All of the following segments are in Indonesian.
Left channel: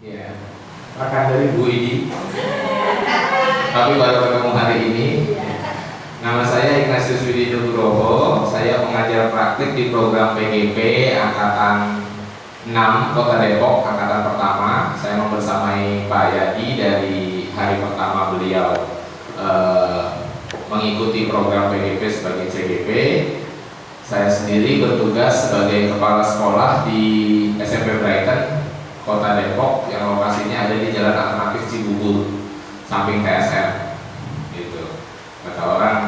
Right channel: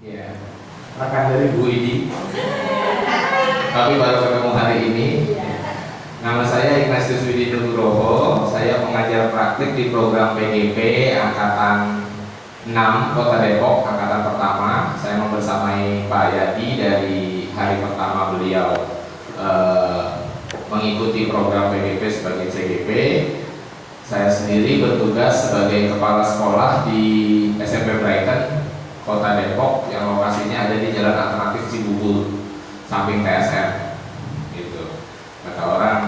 Ya, rekan dari Bu Idi. Tapi baru ketemu hari ini. Nama saya Ignatius Widi Nugroho. Saya pengajar praktik di program PGP Angkatan 6 Kota Depok, Angkatan pertama. Saya membersamai Pak Yadi dari hari pertama beliau mengikuti program PGP sebagai CGP. Saya sendiri bertugas sebagai kepala sekolah di SMP Brighton, Kota Depok, yang lokasinya ada di Jalan Alternatif Cibubur, samping TSM. Gitu. Kata orang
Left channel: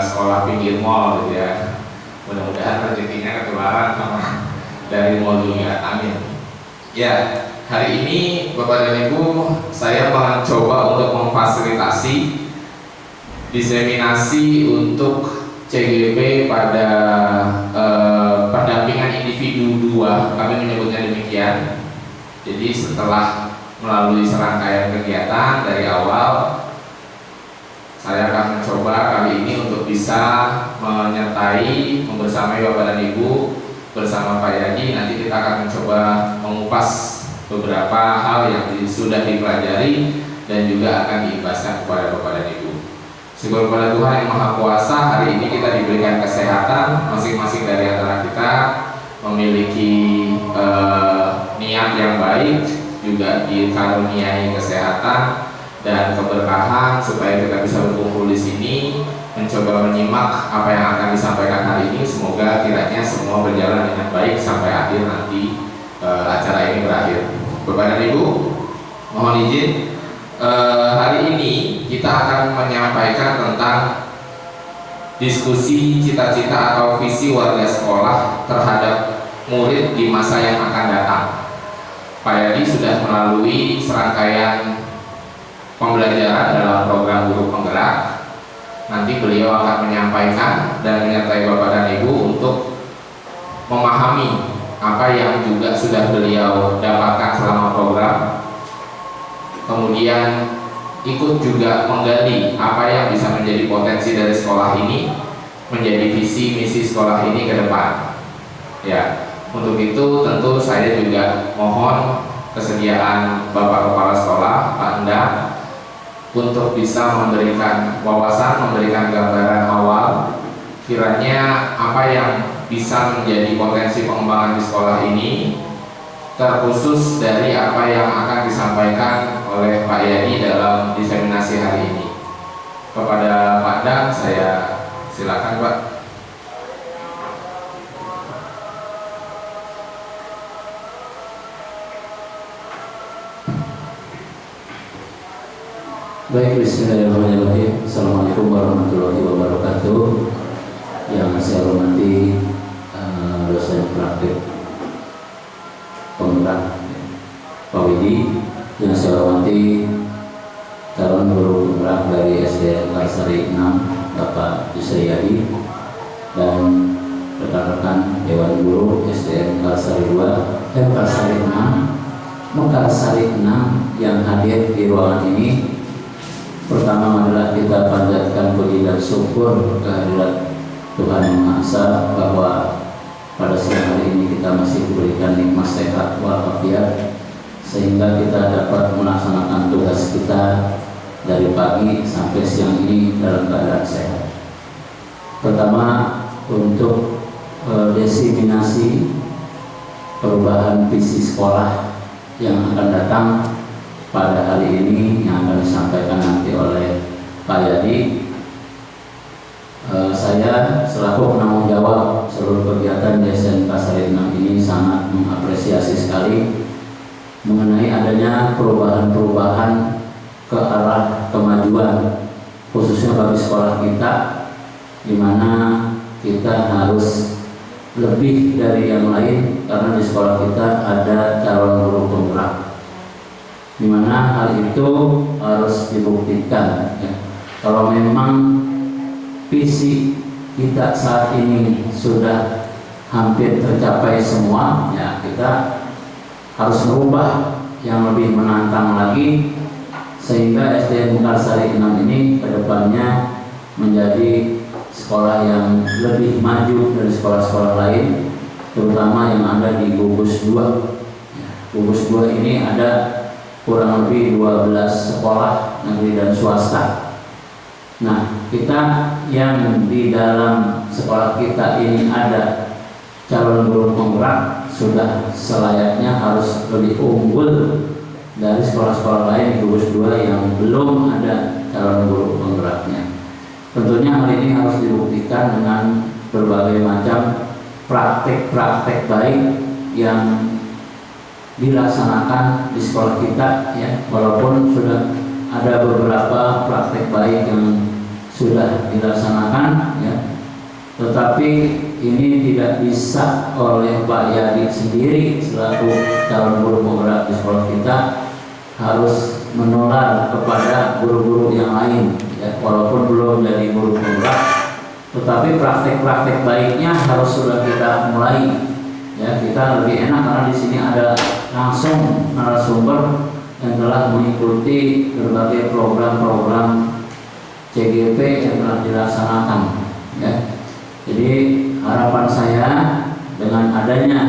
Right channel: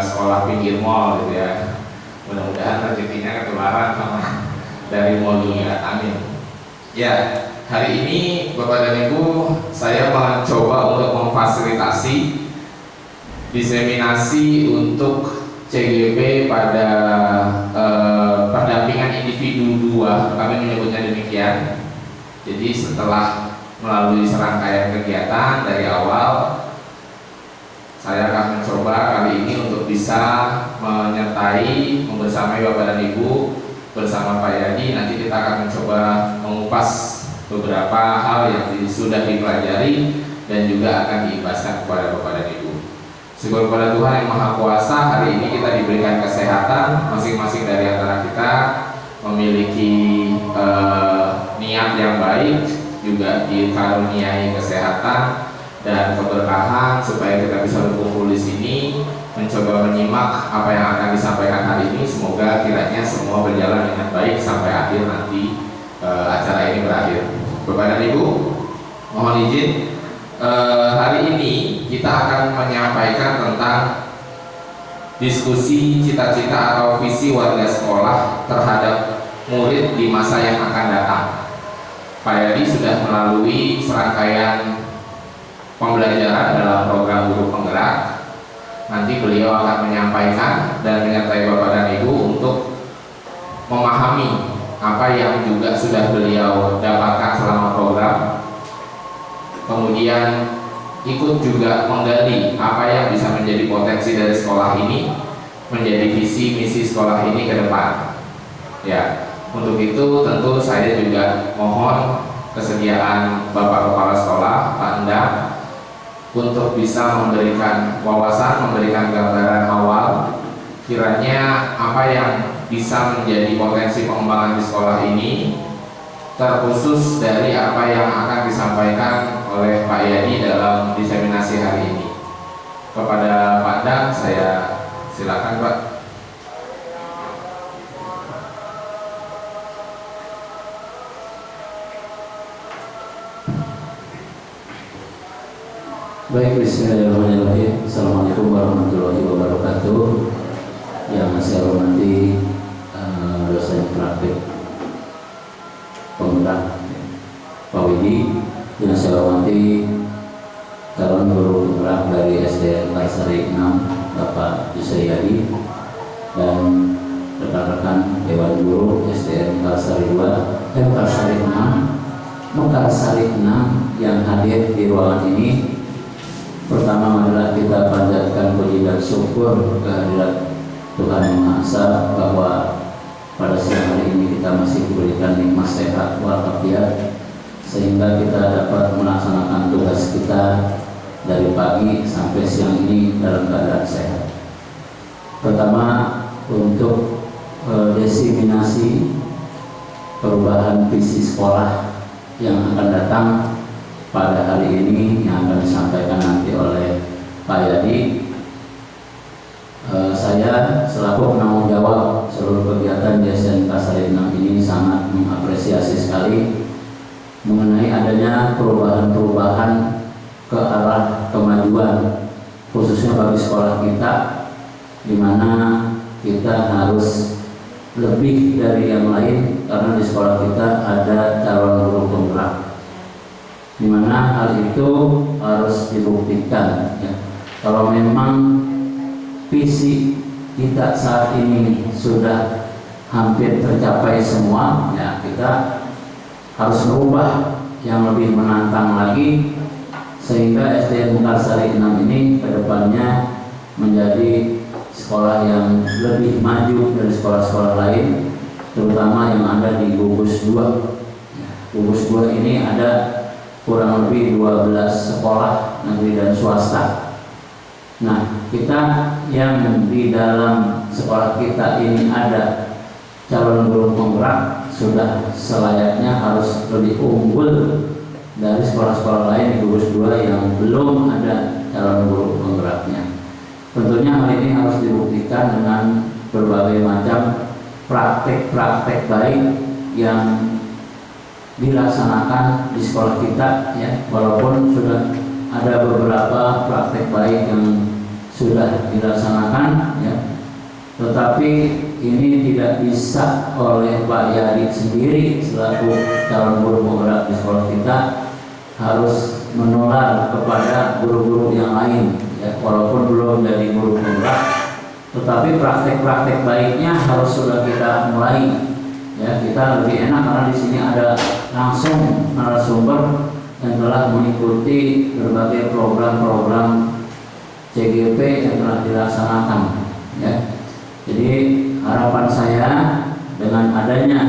sekolah pinggir mall, gitu ya. Mudah-mudahan rezekinya ketularan sama dari mall dunia. Amin. Ya, hari ini Bapak dan Ibu, saya mencoba untuk memfasilitasi diseminasi untuk CGP pada pendampingan individu 2, kami menyebutnya demikian. Jadi setelah melalui serangkaian kegiatan dari awal, saya akan mencoba kali ini untuk bisa menyertai, membersamai Bapak dan Ibu bersama Pak Yadi. Nanti kita akan mencoba mengupas beberapa hal yang sudah dipelajari dan juga akan diimbaskan kepada Bapak dan Ibu. Syukur kepada Tuhan yang Maha Kuasa, hari ini kita diberikan kesehatan, masing-masing dari antara kita memiliki niat yang baik, juga dikaruniai kesehatan dan keberkahan supaya kita bisa berkumpul di sini, mencoba menyimak apa yang akan disampaikan hari ini. Semoga kiranya semua berjalan dengan baik sampai akhir nanti acara ini berakhir. Bapak dan Ibu, mohon izin, hari ini kita akan menyampaikan tentang diskusi cita-cita atau visi warga sekolah terhadap murid di masa yang akan datang. Pak Yadi sudah melalui serangkaian pembelajaran dalam program guru penggerak. Nanti beliau akan menyampaikan dan menyertai Bapak dan Ibu untuk memahami apa yang juga sudah beliau dapatkan selama program. Kemudian ikut juga menggali apa yang bisa menjadi potensi dari sekolah ini, menjadi visi misi sekolah ini ke depan. Ya, untuk itu tentu saya juga mohon kesediaan Bapak Kepala Sekolah, Pak Endang, untuk bisa memberikan wawasan, memberikan gambaran awal kiranya apa yang bisa menjadi potensi pengembangan di sekolah ini, terkhusus dari apa yang akan disampaikan oleh Pak Yadi dalam diseminasi hari ini. Kepada Pak Endang, saya silakan Pak. Baik, bismillahirrahmanirrahim. Assalamualaikum warahmatullahi wabarakatuh. Yang saya hormati dosen praktik penggerak Pak Widi, yang saya hormati calon guru penggerak dari SDN Karsari 6 Bapak Yusriyadi, dan rekan-rekan Dewan Guru SDN Karsari 2 Karsari 6 Mekarsari 6 yang hadir di ruangan ini. Pertama adalah kita panjatkan puji dan syukur kehadirat Tuhan Yang Maha Esa bahwa pada siang hari ini kita masih diberikan nikmat sehat walafiat sehingga kita dapat melaksanakan tugas kita dari pagi sampai siang ini dalam keadaan sehat. Pertama, untuk diseminasi perubahan visi sekolah yang akan datang pada hari ini yang akan disampaikan nanti oleh Pak Yadi. Saya selaku penanggung jawab seluruh kegiatan di SDN Karsari 6 ini sangat mengapresiasi sekali mengenai adanya perubahan-perubahan ke arah kemajuan, khususnya bagi sekolah kita, di mana kita harus lebih dari yang lain karena di sekolah kita ada calon guru penggerak, di mana hal itu harus dibuktikan. Ya. Kalau memang visi kita saat ini sudah hampir tercapai semua, ya kita harus merubah yang lebih menantang lagi sehingga SDN Mekarsari 6 ini kedepannya menjadi sekolah yang lebih maju dari sekolah-sekolah lain, terutama yang ada di gugus 2. Gugus 2 ini ada kurang lebih 12 sekolah negeri dan swasta. Nah, kita yang di dalam sekolah kita ini ada calon guru penggerak sudah selayaknya harus lebih unggul dari sekolah-sekolah lain di gugus 2 yang belum ada calon guru penggeraknya. Tentunya hal ini harus dibuktikan dengan berbagai macam praktek-praktek baik yang dilaksanakan di sekolah kita, ya, walaupun sudah ada beberapa praktek baik yang sudah dilaksanakan, ya, tetapi ini tidak bisa oleh Pak Yadi sendiri selaku calon guru penggerak di sekolah kita, harus menular kepada guru-guru yang lain, ya, walaupun belum jadi guru penggerak, tetapi praktek-praktek baiknya harus sudah kita mulai, ya. Kita lebih enak karena di sini ada langsung narasumber yang telah mengikuti berbagai program-program CGP yang telah dilaksanakan, ya. Jadi harapan saya dengan adanya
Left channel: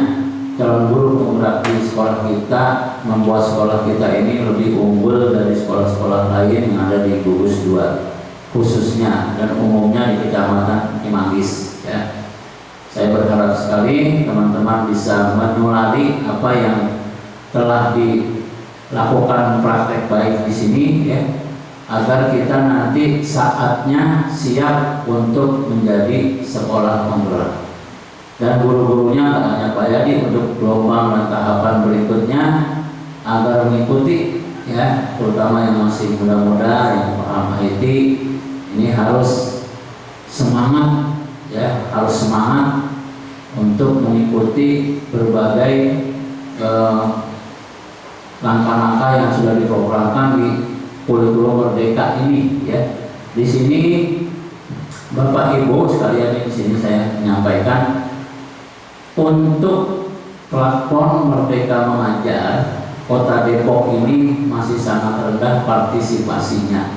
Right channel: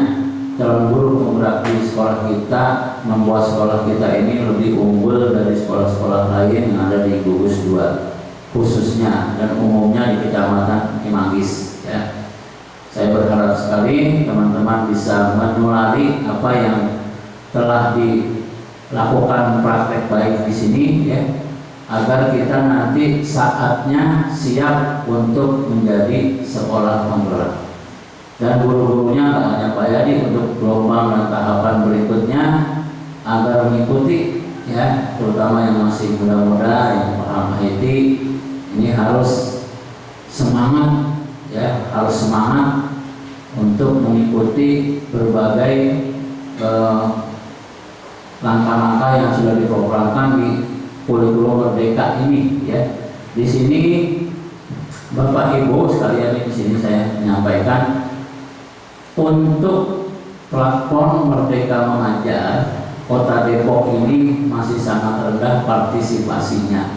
calon guru penggerak di sekolah kita membuat sekolah kita ini lebih unggul dari sekolah-sekolah lain yang ada di gugus 2 khususnya dan umumnya di Kecamatan Cimanggis, ya. Saya berharap sekali teman-teman bisa menulari apa yang telah dilakukan praktek baik di sini, ya, agar kita nanti saatnya siap untuk menjadi sekolah penggerak. Dan guru-gurunya, tak hanya Pak Yadi, untuk gelombang dan tahapan berikutnya agar mengikuti, ya, terutama yang masih muda-muda yang paham IT, ini harus semangat, ya, harus semangat untuk mengikuti berbagai langkah-langkah yang sudah diprogramkan di kurikulum Merdeka ini, ya. Di sini Bapak Ibu sekalian, di sini saya menyampaikan untuk platform Merdeka Mengajar Kota Depok ini masih sangat rendah partisipasinya.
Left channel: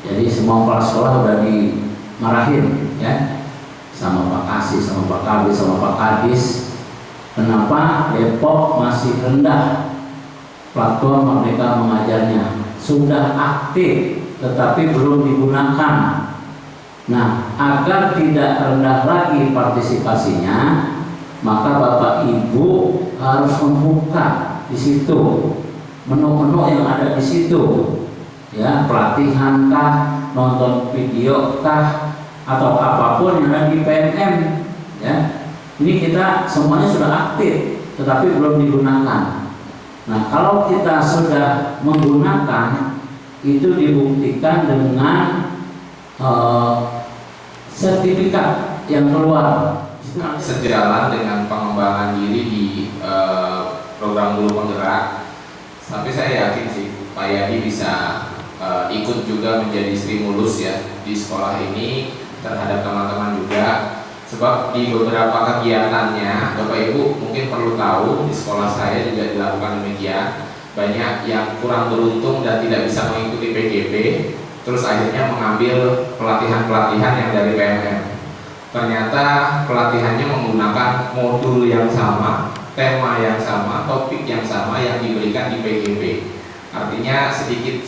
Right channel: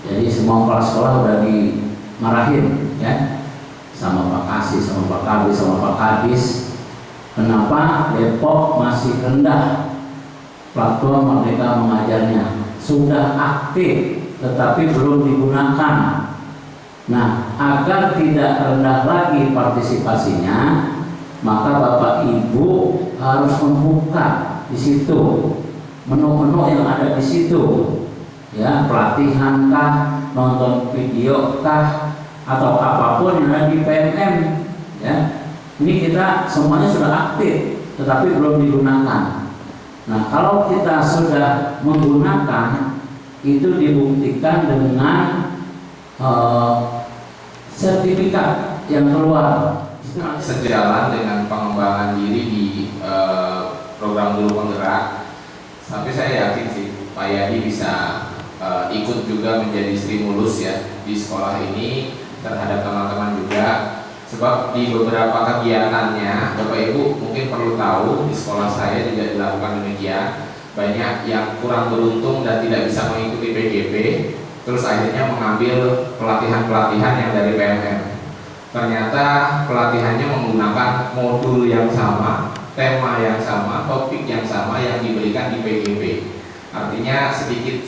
Jadi semua kepala sekolah sudah dimarahin, ya, sama Pak Kasih, sama Pak Kabis, sama Pak Kadis. Kenapa Depok masih rendah platform Merdeka Mengajarnya? Sudah aktif tetapi belum digunakan. Nah, agar tidak rendah lagi partisipasinya, maka Bapak Ibu harus membuka di situ menu-menu yang ada di situ, ya, pelatihan kah, nonton video kah, atau apapun yang ada di PMM, ya. Ini kita semuanya sudah aktif tetapi belum digunakan. Nah, kalau kita sudah menggunakan, itu dibuktikan dengan sertifikat yang keluar. Sejalan dengan pengembangan diri di program guru penggerak, tapi saya yakin sih Pak Yadi bisa ikut juga menjadi stimulus, ya, di sekolah ini terhadap teman-teman juga. Sebab di beberapa kegiatannya, Bapak Ibu mungkin perlu tahu, di sekolah saya juga dilakukan demikian. Banyak yang kurang beruntung dan tidak bisa mengikuti PGP, terus akhirnya mengambil pelatihan-pelatihan yang dari PMM. Ternyata pelatihannya menggunakan modul yang sama, tema yang sama, topik yang sama yang diberikan di PGP. Artinya sedikit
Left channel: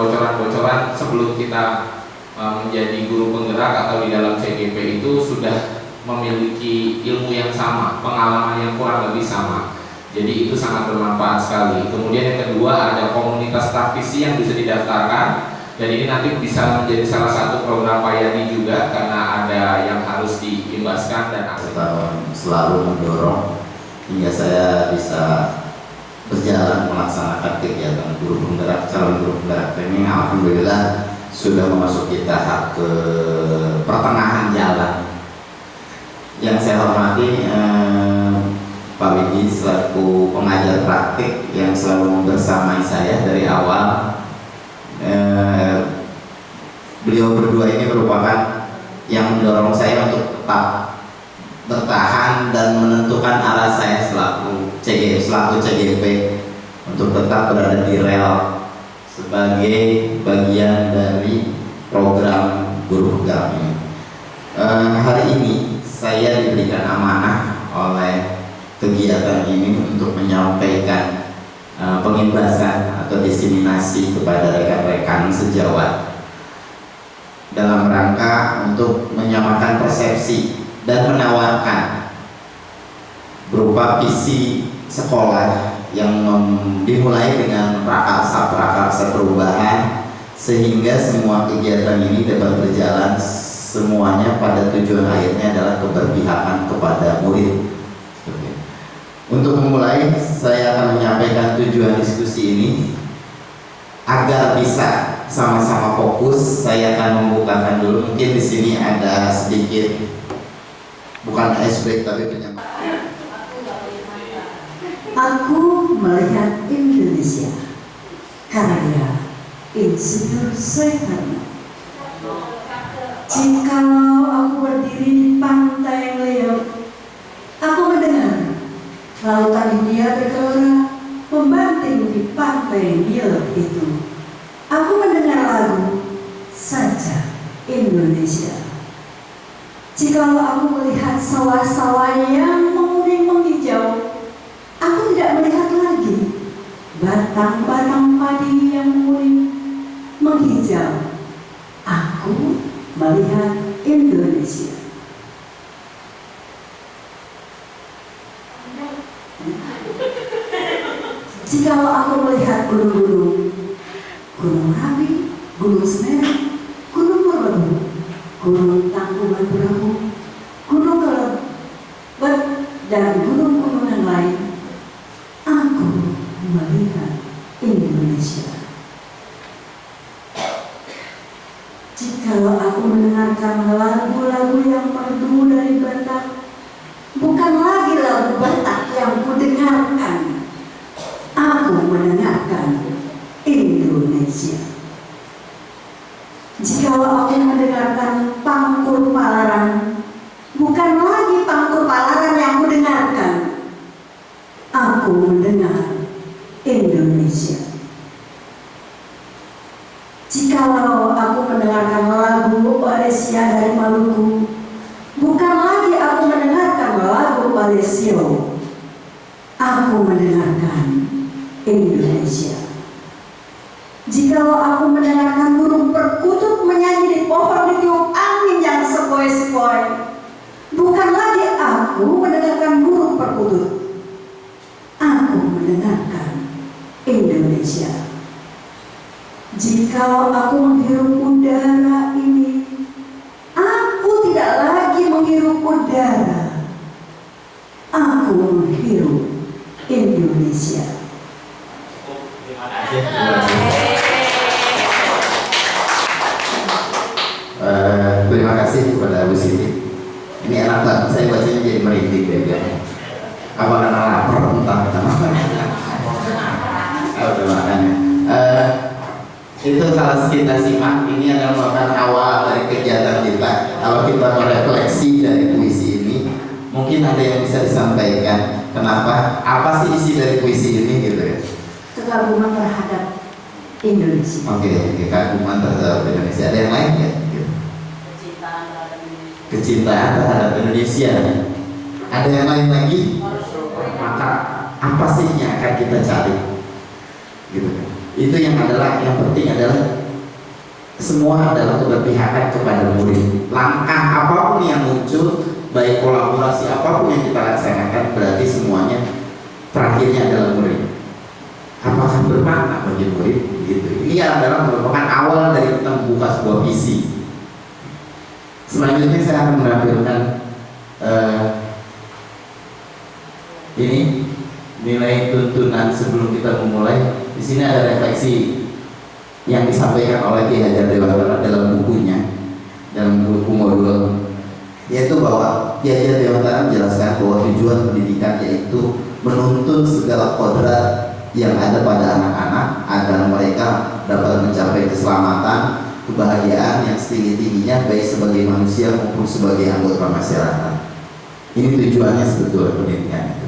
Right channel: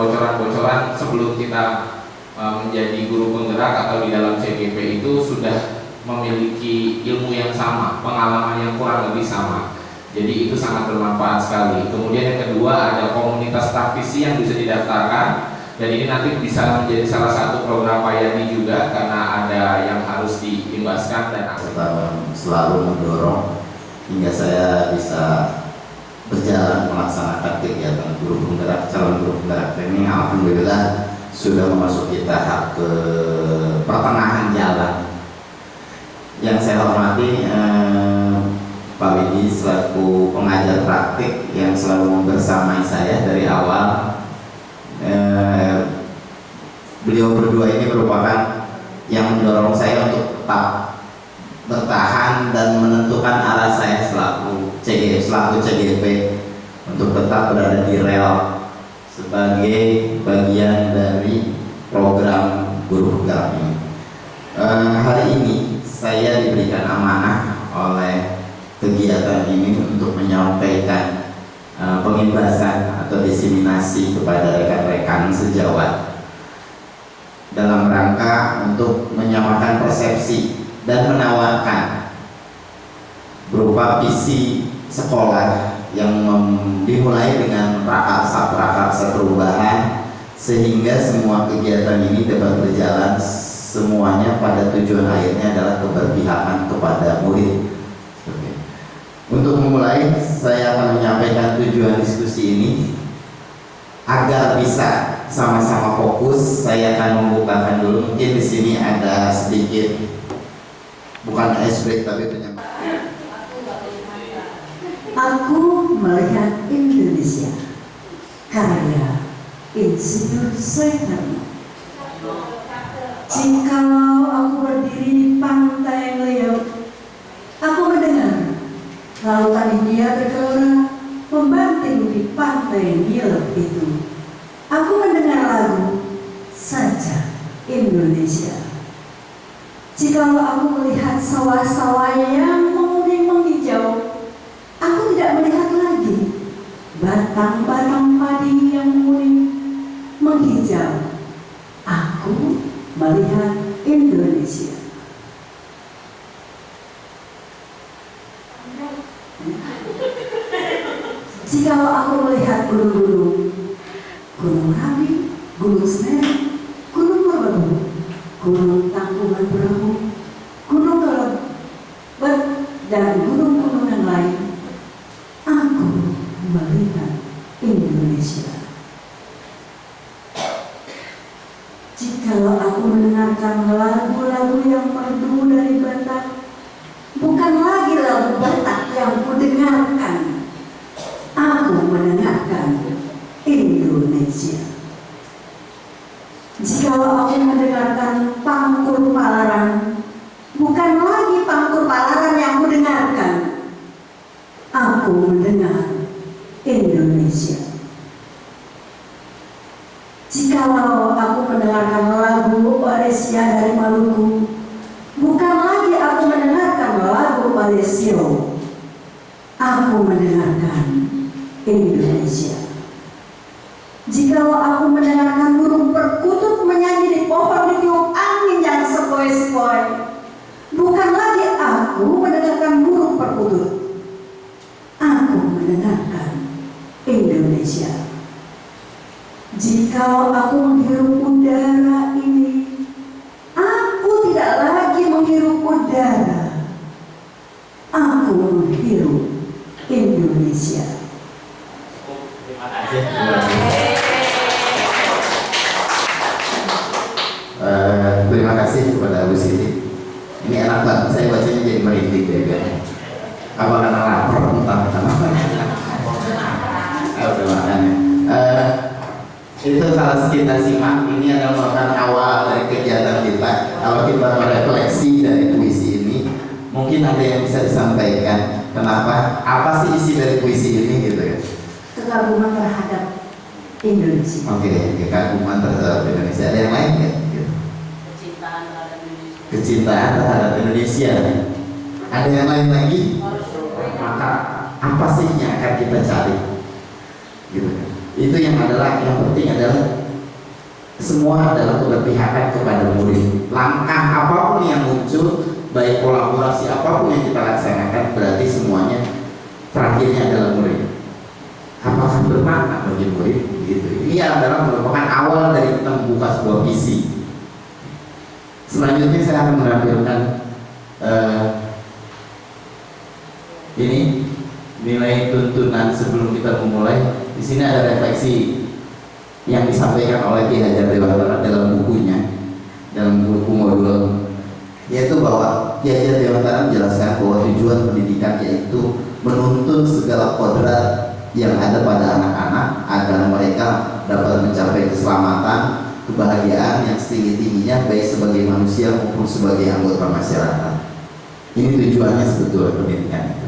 bocoran-bocoran sebelum kita menjadi guru penggerak atau di dalam CGP itu sudah memiliki ilmu yang sama, pengalaman yang kurang lebih sama. Jadi itu sangat bermanfaat sekali. Kemudian yang kedua, ada komunitas praktisi yang bisa didaftarkan, dan ini nanti bisa menjadi salah satu program Pak Yadi juga karena ada yang harus diimbaskan dan selalu mendorong hingga saya bisa berjalan melaksanakan kegiatan guru penggerak, calon guru penggerak ini. Alhamdulillah sudah memasuki tahap ke pertengahan jalan. Yang saya hormati Pak Widi selaku pengajar praktik yang selalu membersamai saya dari awal. Beliau berdua ini merupakan yang mendorong saya untuk tetap bertahan dan menentukan arah saya selaku CGP untuk tetap berada di rel sebagai bagian dari program guru penggerak ini. Hari ini saya diberikan amanah oleh kegiatan ini untuk menyampaikan pengimbasan atau diseminasi kepada rekan-rekan sejawat dalam rangka untuk menyamakan persepsi dan menawarkan berupa visi sekolah yang dimulai dengan prakarsa perubahan, sehingga semua kegiatan ini dapat berjalan semuanya pada tujuan akhirnya adalah keberpihakan kepada murid. Untuk memulai, saya akan menyampaikan tujuan diskusi ini agar bisa sama-sama fokus. Saya akan membukakan dulu, mungkin di sini ada sedikit bukan icebreaker tapi penyampaian. Aku melihat Indonesia, karya Insinyur Soekarno. Jikalau aku berdiri di pantai Leok, aku mendengar lautan India bergelora membanting di pantai Nil itu. Aku mendengar lagu Saja Indonesia. Jikalau aku melihat sawah-sawah yang menguning menghijau, aku tidak melihat lagi batang-batang padi yang menguning menghijau. Aku melihat Indonesia. Jikalau aku melihat gunung-gunung, Gunung Merapi, Gunung Semeru, Gunung Merbabu, Gunung Tangkuban Perahu, Gunung Kelebet, dan gunung-gunung yang lain, aku melihat Indonesia. Jikalau aku mendengarkan lagu-lagu yang merdu dari Batak, bukan lagi lagu Batak yang kudengarkan, aku mendengarkan Indonesia. Jikalau aku mendengarkan Pangkur Palaran, bukan lagi Pangkur Palaran yang kudengarkan, aku mendengar Indonesia. Jikalau aku mendengarkan lagu Olesia dari Maluku, bukan lagi aku mendengarkan lagu Olesio, aku mendengarkan Indonesia. Jikalau aku mendengarkan burung perkutut menyanyi di pohon ditiup angin yang sepoi-sepoi, bukan lagi aku mendengarkan burung perkutut, aku mendengarkan Indonesia. Jikalau aku menghirup udara ini, aku tidak lagi menghirup udara, aku menghirup Indonesia. Terima kasih kepada Bu Siti. Ini enak banget, saya bacanya jadi merinding deh. Apa karena lapar entah kenapa. Udah makan ya. Itu kalau kita simak, ini adalah merupakan awal dari kegiatan kita. Kalau kita merefleksi dari puisi ini, mungkin ada yang bisa disampaikan. Kenapa? Apa sih isi dari puisi ini gitu ya? Kekaguman terhadap Indonesia. Oke, kekaguman terhadap Indonesia. Ada yang lain ya? Kecintaan terhadap Indonesia. Ada yang lain lagi? Maka apa sih yang akan kita cari? Gitu. Itu yang penting adalah semua adalah keberpihakan kepada murid. Langkah apapun yang muncul, baik kolaborasi apapun yang kita laksanakan, berarti semuanya terakhirnya adalah murid. Apakah bermakna bagi murid? Gitu. Ini adalah merupakan awal dari kita membuka sebuah visi. Selanjutnya saya akan menampilkan ini nilai tuntunan sebelum kita memulai. Di sini ada refleksi yang disampaikan oleh Ki Hajar Dewantara dalam bukunya, dalam buku modul, yaitu bahwa Ki Hajar Dewantara menjelaskan bahwa tujuan pendidikan yaitu menuntun segala kodrat yang ada pada anak-anak agar mereka dapat mencapai keselamatan, kebahagiaan yang setinggi-tingginya baik sebagai manusia maupun sebagai anggota masyarakat. Ini tujuannya sebetulnya pendidikan itu.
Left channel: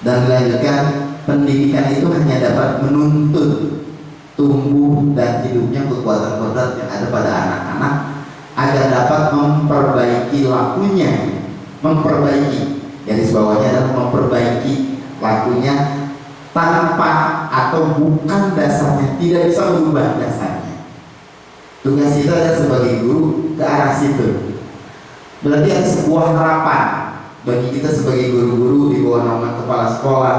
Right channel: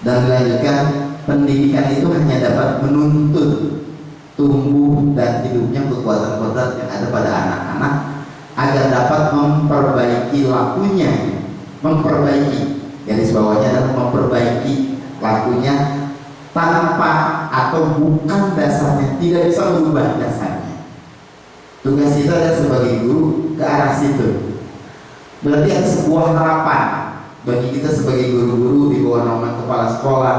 Dan dilanjutkan, pendidikan itu hanya dapat menuntun tumbuh dan hidupnya kekuatan kodrat yang ada pada anak-anak agar dapat memperbaiki lakunya, garis bawahnya adalah memperbaiki lakunya tanpa atau bukan dasarnya, tidak bisa merubah dasarnya. Tugas kita adalah sebagai guru ke arah situ. Berarti ada sebuah harapan bagi kita sebagai guru-guru di bawah naungan kepala sekolah,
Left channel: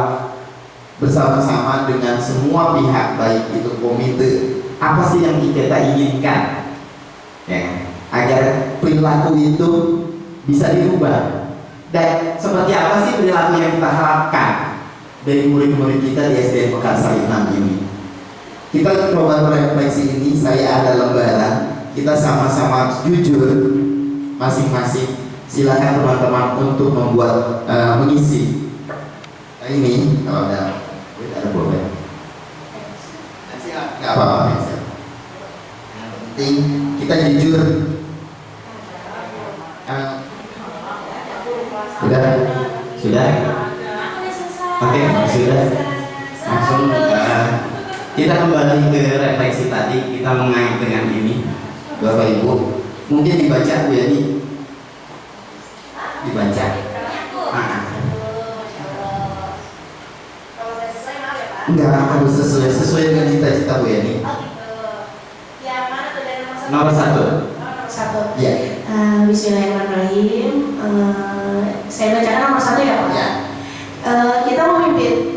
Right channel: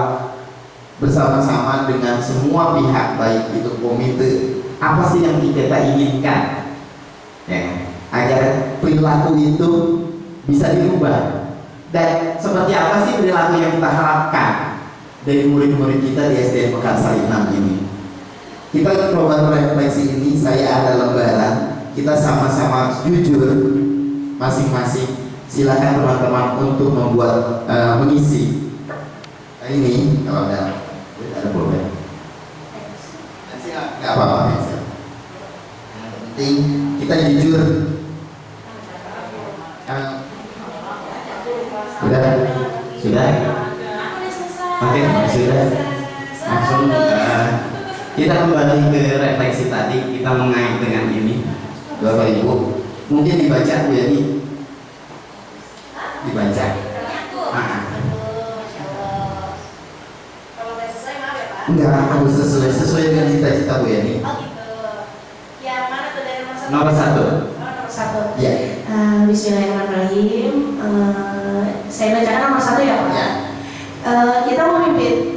bersama-sama dengan semua pihak, baik itu komite, apa sih yang kita inginkan, ya, agar perilaku itu bisa dirubah. Dan seperti apa sih perilaku yang kita harapkan dari murid-murid kita di SDN Mekarsari 6 ini. Kita coba refleksi ini, saya ada lembaran, kita sama-sama jujur masing-masing. Silahkan teman-teman untuk membuat mengisi ini kalau ada problem. Nggak apa-apa. Yang penting kita jujur. Sudah? Oke, sudah. Langsung kita kembali ke refleksi tadi, kita mengait dengan ini, Bapak Ibu. Mungkin dibaca Bu Yani. Dibaca. Enggak harus sesuai dengan cita-cita Bu Yani. Yang mana tuh dari Nomor 1. Nomor 1. Iya. Bismillahirrahmanirrahim. Saya bacakan nomor 1 ya Pak. Ya. Kita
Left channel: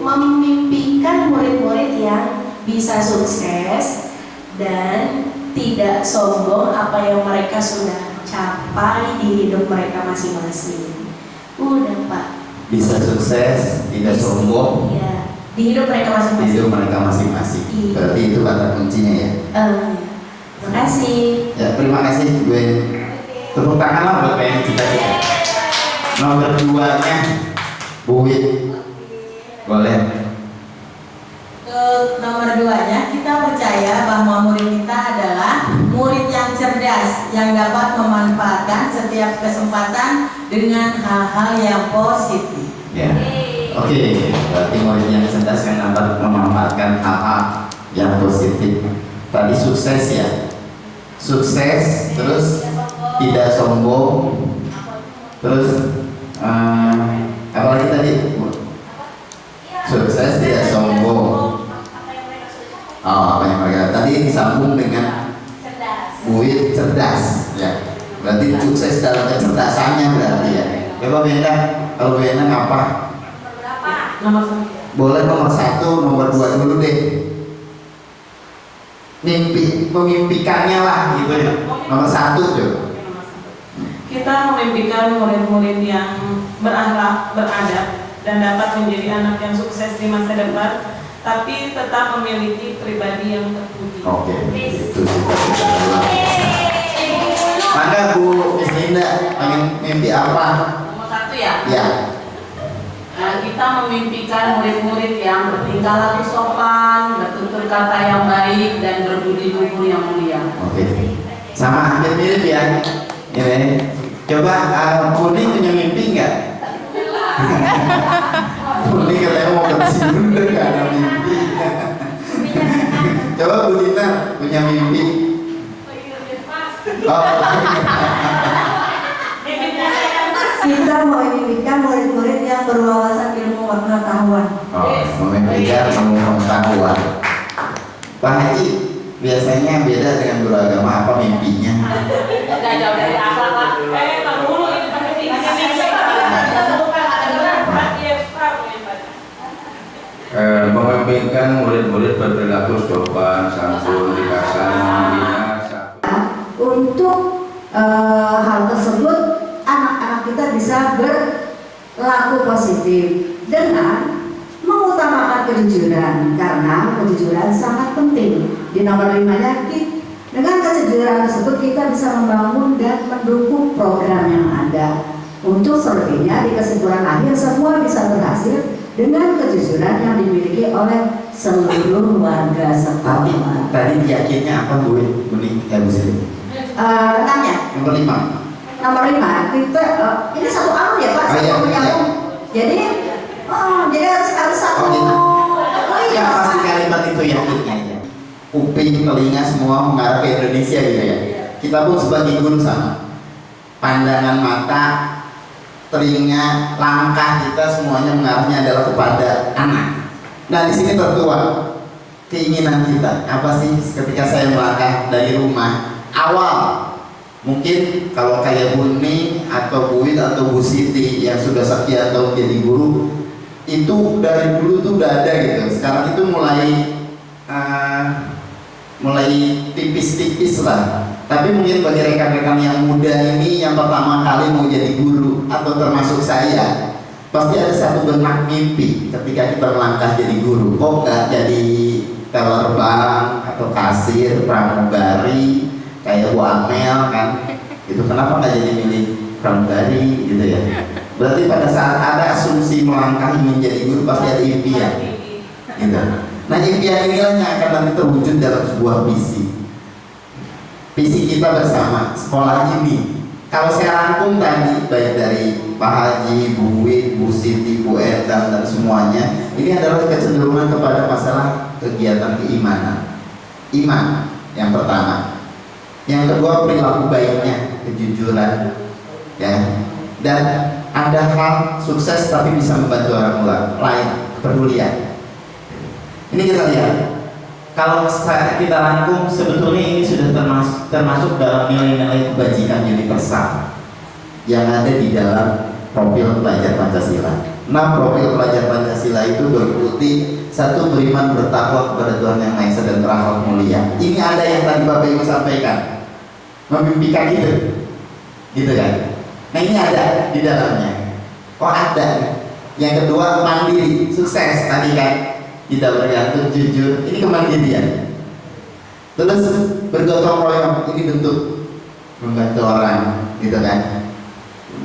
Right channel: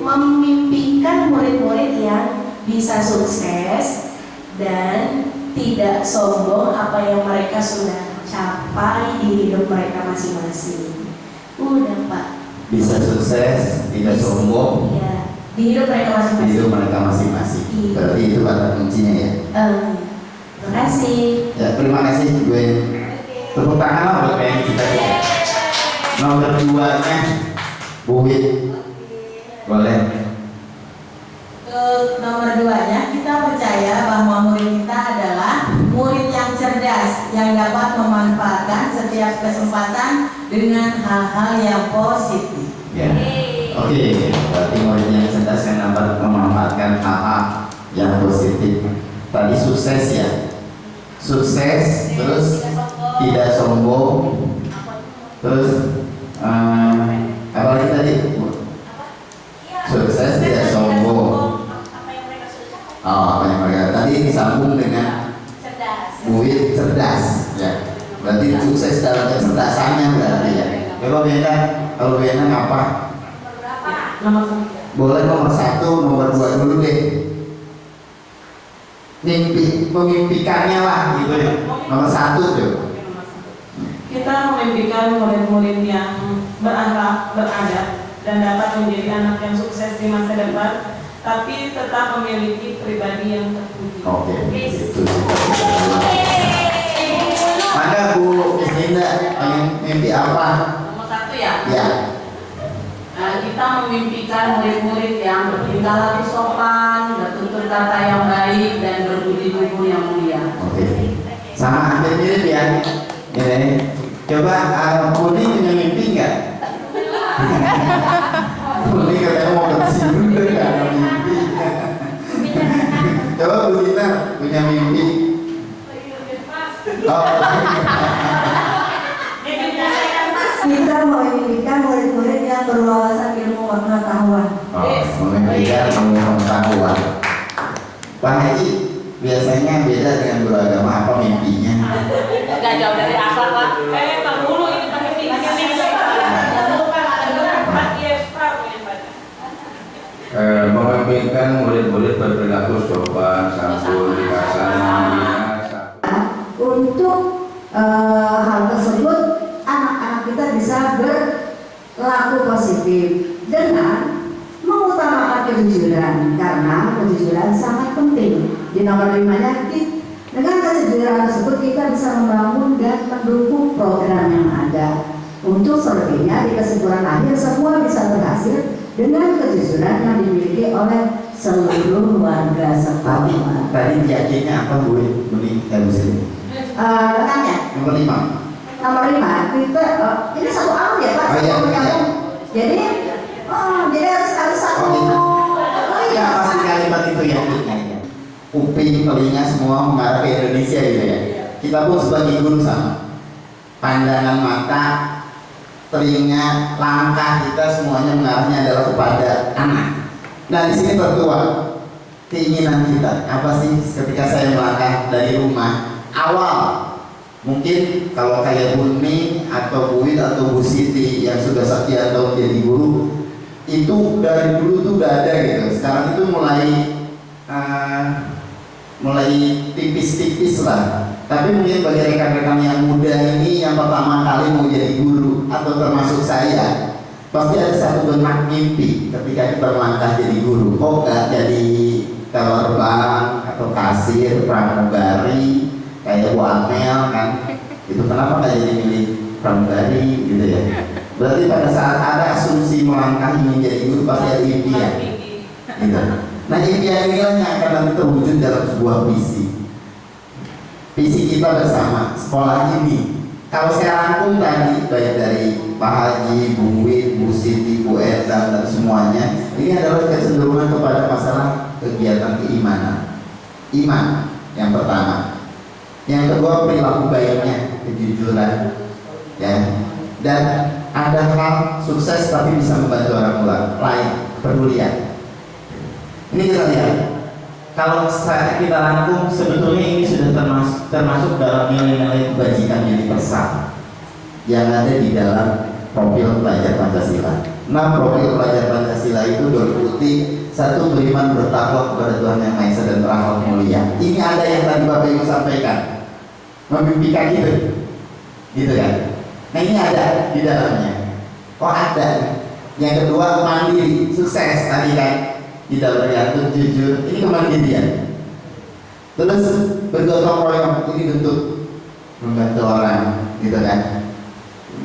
memimpikan murid-murid yang bisa sukses dan tidak sombong apa yang mereka sudah capai di hidup mereka masing-masing. Udah Pak. Bisa sukses, tidak sombong Iya. Di hidup mereka di masing-masing. hidup mereka masing-masing. Iya. Berarti itu kata kuncinya ya. Terima kasih. Ya, terima kasih gue. Tepuk tangan lah buat pengen cita-cita. Nomor 2-nya Bu Wit. Boleh. Untuk nomor 2-nya, kita percaya bahwa murid kita adalah murid yang cerdas yang dapat memanfaatkan setiap kesempatan dengan hal-hal yang positif. Ya. Oke, berarti murid yang cerdas yang dapat memanfaatkan hal-hal yang positif. Tadi sukses ya. Sukses, terus tidak sombong, terus apa lagi tadi? Sukses, tidak sombong. Apa yang mereka tadi disambung dengan Buit cerdas, ya. Berarti sukses dalam kecerdasannya berarti ya. Coba beda, kalau beda apa? Nomor 1. Boleh nomor 1, nomor 2 dulu deh. Memimpikannya lah gitu ya. Nomor 1 tuh. Kita memimpikan murid-murid yang berakhlak, beradab, dan dapat menjadi anak yang sukses di masa depan, tapi tetap memiliki pribadi yang terpuji. Oke, itu cita-cita dulu. Maka Bu Miss Linda pengen mimpi apa? Nomor 1 ya. Ya. Kita memimpikan murid-murid yang bertingkah laku sopan, bertutur kata yang baik, dan berbudi luhur yang mulia. Oke. Sama hampir mirip ya. Ini. Coba Puni punya mimpi nggak? Puni katanya mau ke sini nggak ada mimpi. Coba Bu Dina punya mimpi. Oh. Kita memimpikan murid-murid yang berwawasan ilmu pengetahuan. Memimpikan ilmu pengetahuan. Pak Haji biasanya beda dengan beragama apa mimpinya? Gak jauh dari akhlak lah. Tar dulu ini pakai memimpikan murid-murid berperilaku sopan, santun, dikasih, membina. Untuk hal tersebut anak-anak kita bisa berlaku positif dengan mengutamakan kejujuran, karena kejujuran sangat penting. Di nomor 5-nya, dengan kejujuran tersebut kita bisa membangun dan mendukung program yang ada. Untuk selebihnya di kesimpulan akhir semua bisa berhasil dengan kejujuran yang dimiliki oleh seluruh warga sekolah. Tadi yakinnya apa Bu? Buni harus ini. Tanya. Nomor 5. Nomor 5 kita ini satu arah ya Pak, Oh, satu iya, menyambung. Jadi harus satu. Oh, gitu. Oh iya. Ya pasti kalimat itu yakinnya ya. Kuping, telinga semua mengarah ke Indonesia gitu ya. Kita pun sebagai guru sama. Pandangan mata, telinga, langkah kita semuanya mengarahnya adalah kepada anak. Nah, di sini tertuang keinginan kita. Apa sih ketika saya melangkah dari rumah awal? Mungkin kalau kayak Bu Ning atau Bu Wid atau Bu Siti yang sudah sekian tahun jadi guru, itu dari dulu tuh udah ada gitu. Sekarang itu mulai tipis-tipis lah. Tapi mungkin bagi rekan-rekan yang muda ini yang pertama kali mau jadi guru atau termasuk saya, pasti ada satu benak mimpi ketika kita melangkah jadi guru. Kok nggak jadi teller bank atau kasir, pramugari kayak Bu Amel kan? Itu kenapa nggak jadi milih pramugari gitu ya? Berarti pada saat ada asumsi melangkah menjadi guru pasti ada impian, gitu. Nah, impian inilah yang akan nanti terwujud dalam sebuah visi. Visi kita bersama sekolah ini. Kalau saya rangkum tadi baik dari Pak Haji, Bu Wid, Bu Siti, Bu Endang dan semuanya, ini adalah kecenderungan kepada masalah kegiatan keimanan. Iman yang pertama. Yang kedua perilaku baiknya, kejujuran, ya. Dan ada hal sukses tapi bisa membantu orang lain, kepedulian. Ini kita lihat. Kalau kita rangkum, sebetulnya ini sudah termasuk dalam nilai-nilai kebajikan universal yang ada di dalam profil pelajar Pancasila. Nah, profil pelajar Pancasila itu berarti satu, beriman bertakwa kepada Tuhan Yang Maha Esa dan berakhlak mulia. Ini ada yang tadi Bapak Ibu sampaikan, memimpikan gitu kan? Nah, ini ada di dalamnya. Oh, ada. Yang kedua, mandiri, sukses tadi kan? Tidak bergantung, jujur, ini kemandirian. Terus bergotong royong, ini bentuk membantu orang, gitu kan?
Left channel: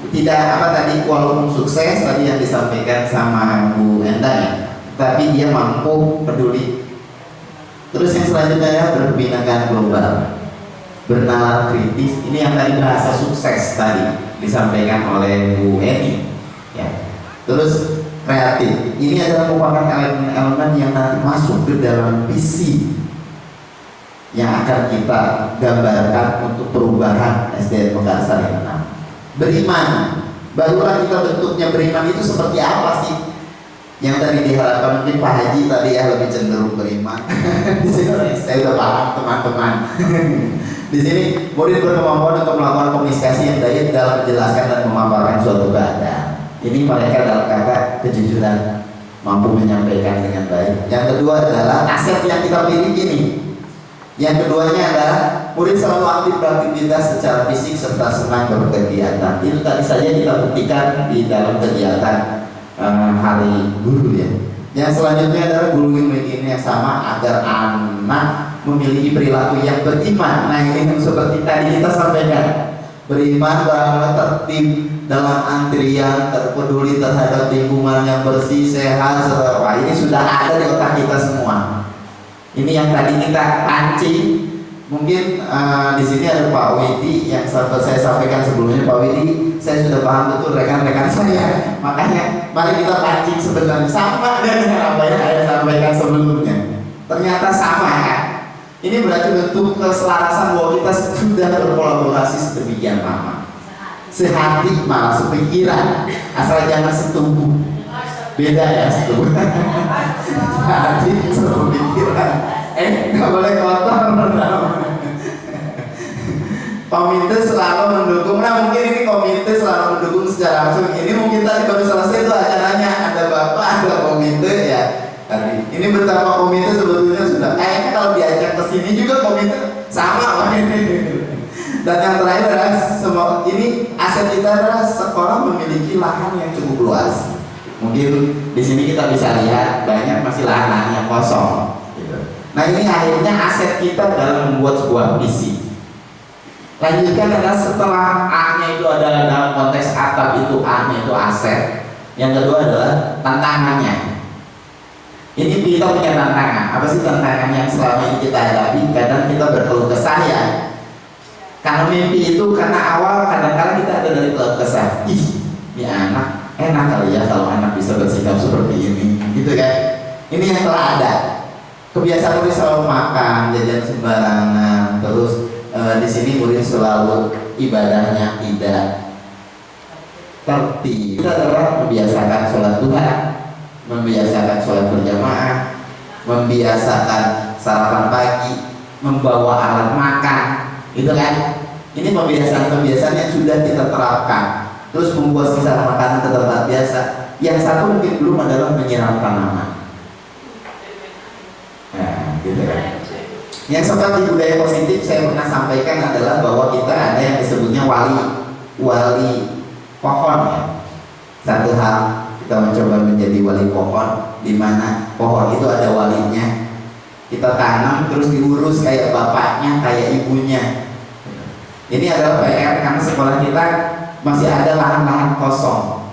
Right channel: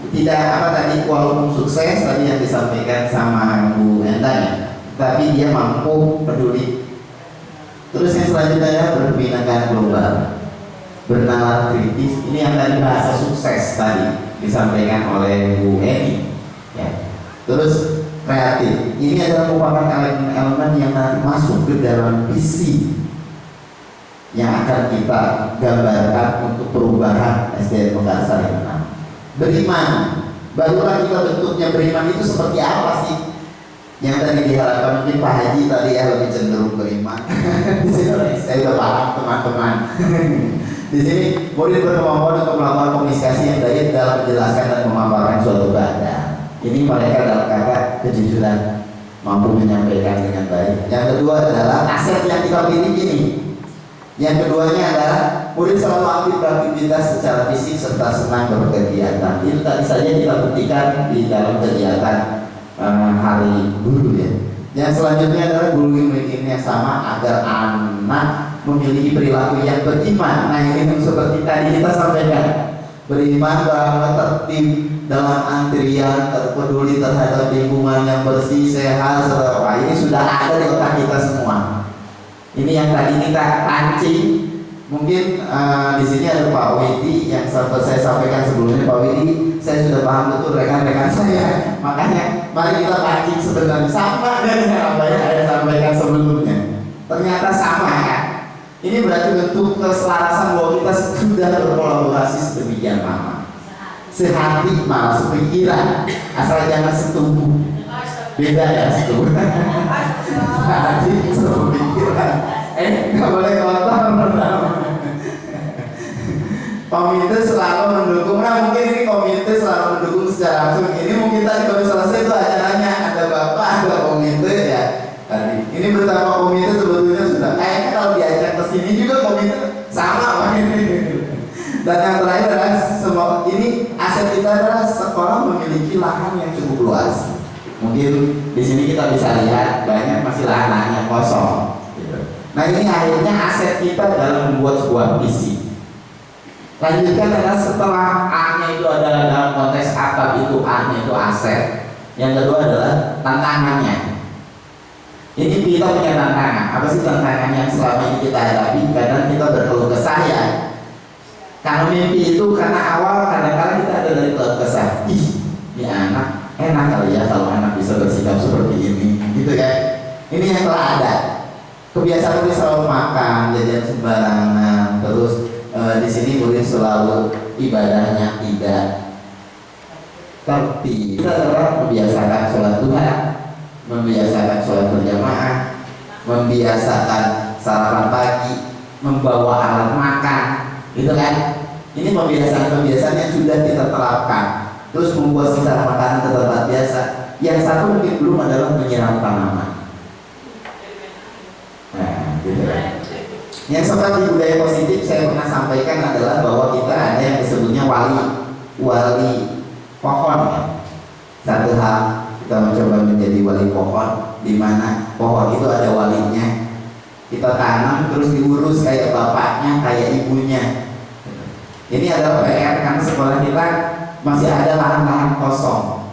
Tidak walaupun sukses tadi yang disampaikan sama Bu Endang ya, tapi dia mampu peduli. Terus yang selanjutnya ya, berkebinekaan global, bernalar kritis. Ini yang tadi bahasa sukses tadi disampaikan oleh Bu Eni, ya. Terus kreatif, ini adalah merupakan elemen-elemen yang nanti masuk ke dalam visi yang akan kita gambarkan untuk perubahan SDN Mekarsari 6. Beriman, barulah kita bentuknya beriman itu seperti apa sih? Yang tadi diharapkan mungkin Pak Haji tadi ya lebih cenderung beriman. Di sini saya udah paham teman-teman. Di sini murid berkemampuan untuk melakukan komunikasi yang baik dalam menjelaskan dan memaparkan suatu keadaan. Ini mereka dalam kata kejujuran, mampu menyampaikan dengan baik. Yang kedua adalah aset yang kita miliki nih. Yang keduanya adalah murid selalu aktif beraktivitas secara fisik serta senang berkegiatan. Itu tadi saja kita buktikan di dalam kegiatan hari guru ya. Yang selanjutnya adalah guru yang yang sama agar anak memiliki perilaku yang beriman. Nah, ini seperti tadi kita sampaikan, beriman, berakhlak tertib dalam antrian, terpeduli terhadap lingkungan yang bersih, sehat, wah ini sudah ada di otak kita semua. Ini yang tadi kita pancing. Mungkin di sini ada Pak Widi yang saya sampaikan sebelumnya. Pak Widi, saya sudah paham betul rekan-rekan saya. Makanya mari kita pancing sebenarnya sama dengan apa yang saya sampaikan sebelumnya. Ternyata sama ya. Ini berarti bentuk keselarasan bahwa kita sudah berkolaborasi sedemikian lama. Sehati malah sepikiran, asal jangan setubuh. Beda ya setubuh. Sehati sepikiran. Nggak boleh kotor. Komite selalu mendukung. Nah, mungkin ini komite selalu mendukung secara langsung. Ini mungkin tadi baru selesai tuh acaranya, ada bapak, ada komite ya. Tadi ini bersama komite sebetulnya sudah. Kayaknya kalau diajak ke sini juga komite sama ini. Dan yang terakhir adalah semua ini aset kita adalah sekolah memiliki lahan yang cukup luas. Mungkin di sini kita bisa lihat banyak masih lahan yang kosong. Nah, ini akhirnya aset kita dalam membuat sebuah visi. Lanjutkan adalah setelah A-nya itu adalah dalam konteks atap itu A-nya itu aset. Yang kedua adalah tantangannya. Ini kita punya tantangan. Apa sih tantangan yang selama ini kita hadapi? Kadang kita berkeluh kesah ya. Karena mimpi itu karena awal kadang-kadang kita ada dari keluh kesah. Ih, ya anak enak kali ya kalau anak bisa bersikap seperti ini, gitu kan? Ini yang telah ada. Kebiasaan murid selalu makan, jajan sembarangan, terus di sini murid selalu ibadahnya tidak tertib. Kita adalah membiasakan sholat duha. membiasakan sholat berjamaah, membiasakan sarapan pagi, membawa alat makan, gitu kan? Ini pembiasaan-pembiasaan yang sudah kita terapkan. Terus membuat sisa makanan ke tempat biasa. Yang satu mungkin belum adalah menyiram tanaman. Nah, gitu kan? Yang seperti budaya positif saya pernah sampaikan adalah bahwa kita ada yang disebutnya wali pohon ya. Satu hal kita mencoba menjadi wali pohon, di mana pohon itu ada walinya. Kita tanam terus diurus kayak bapaknya, kayak ibunya. Ini adalah PR karena sekolah kita masih ada lahan-lahan kosong.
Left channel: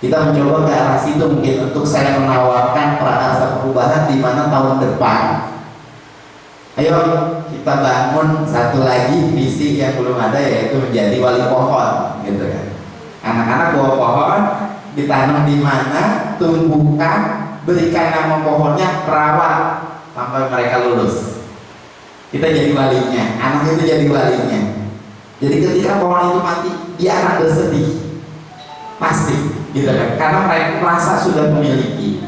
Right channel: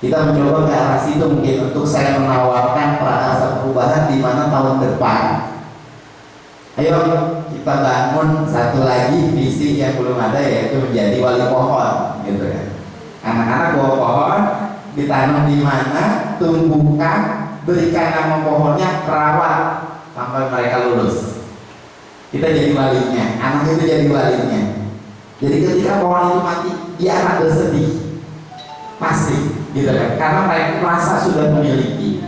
Kita mencoba ke arah situ mungkin untuk saya menawarkan prakarsa perubahan di mana tahun depan, ayo kita bangun satu lagi visi yang belum ada, yaitu menjadi wali pohon, gitu kan? Anak-anak bawa pohon, ditanam di mana, tumbuhkan, berikan nama pohonnya, rawat sampai mereka lulus. Kita jadi walinya, anak itu jadi walinya. Jadi ketika pohon itu mati, dia akan bersedih, pasti, gitu kan? Karena mereka merasa sudah memiliki.